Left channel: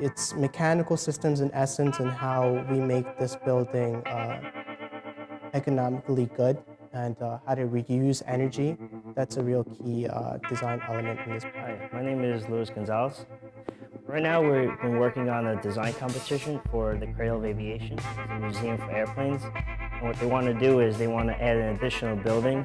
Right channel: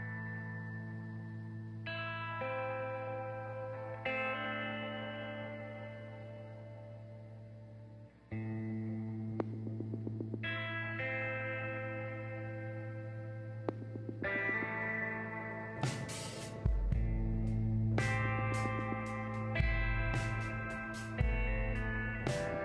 It's mechanical systems in essence and how we make this building economically good and how to reuse energy. That's a real key design element in this project. My name is Luis Gonzalez. Right now we've been working on a design competition for the Cradle of Aviation, the museum for airplanes. And what they want to do is they want to add an additional building.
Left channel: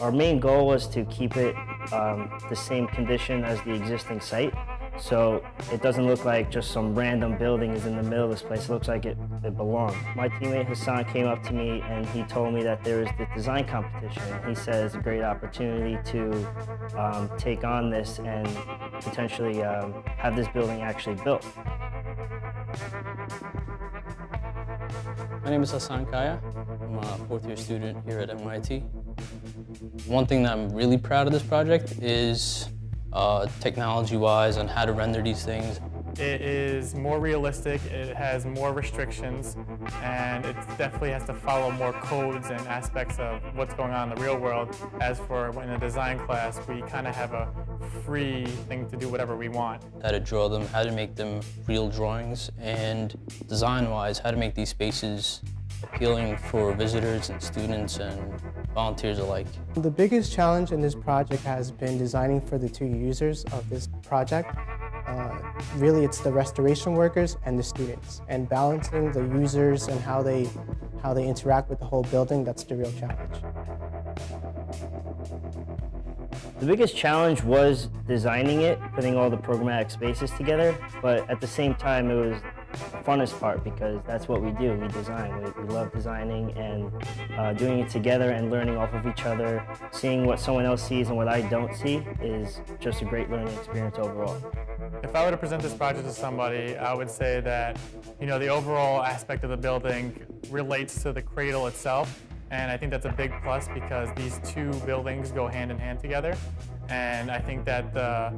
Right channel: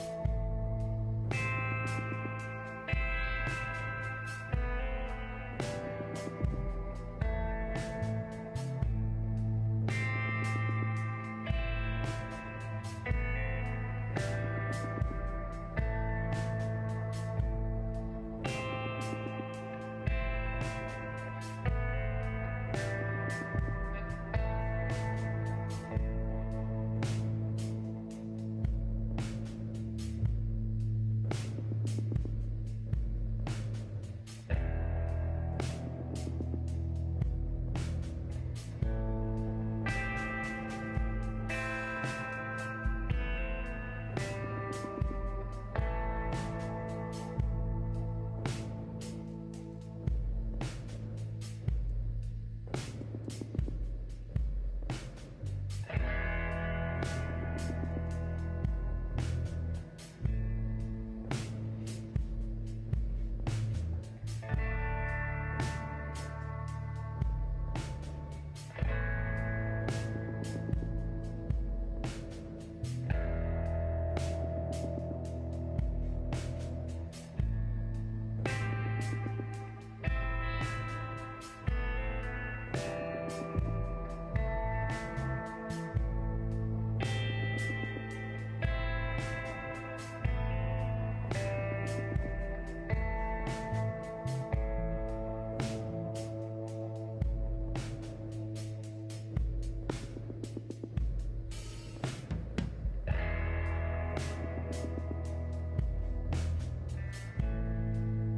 Our main goal was to keep it the same condition as the existing site. So it doesn't look like just some random building is in the middle of this place. It looks like it belongs. My teammate Hassan came up to me and he told me that there is the design competition. He said it's a great opportunity to take on this and potentially have this building actually built. My name is Hassan Kaya. I'm a fourth-year student here at MIT. One thing that I'm really proud of this project is technology-wise on how to render these things. It is more realistic, it has more restrictions, and it definitely has to follow more codes and aspects of what's going on in the real world. As for in a design class, we kind of have a free thing to do whatever we want. How to draw them, how to make them real drawings, and design-wise, how to make these spaces appealing for visitors and students and volunteers alike. The biggest challenge in this project has been designing for the two users of this project. Really, it's the restoration workers and the students, and balancing the users and how they interact with the whole building. That's the real challenge. The biggest challenge was designing it, putting all the programmatic spaces together, but at the same time it was the funnest part because that's what we do, we design. We love designing and doing it together and learning off of each other. Seeing what someone else sees and what I don't see is just a great learning experience overall. If I were to present this project to somebody, I would say that, the overall aspect of the building relates to the cradle itself. And I think that's a big plus because these two buildings go hand in hand together. And I think that the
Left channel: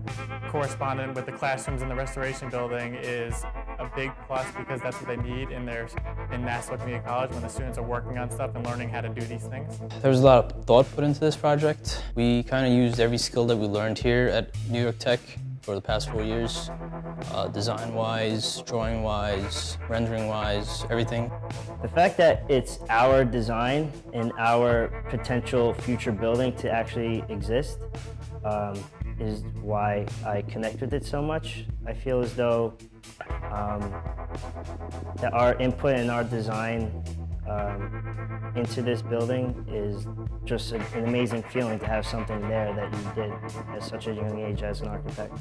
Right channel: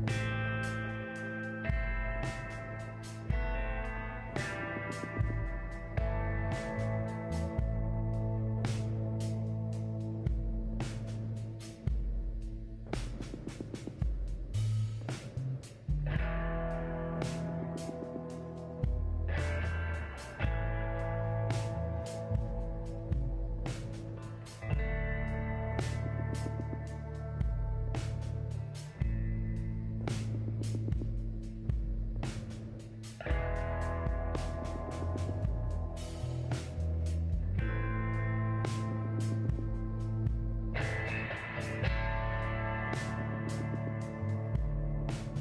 correspondent with the classrooms in the restoration building is a big plus because that's what they need in Nassau Community College when the students are working on stuff and learning how to do these things. There was a lot of thought put into this project. We kind of used every skill that we learned here at New York Tech for the past 4 years, design-wise, drawing-wise, rendering-wise, everything. The fact that it's our design and our potential future building to actually exist is why I connect with it so much. I feel as though that our input and our design into this building is just an amazing feeling to have something there that you did at such a young age as an architect.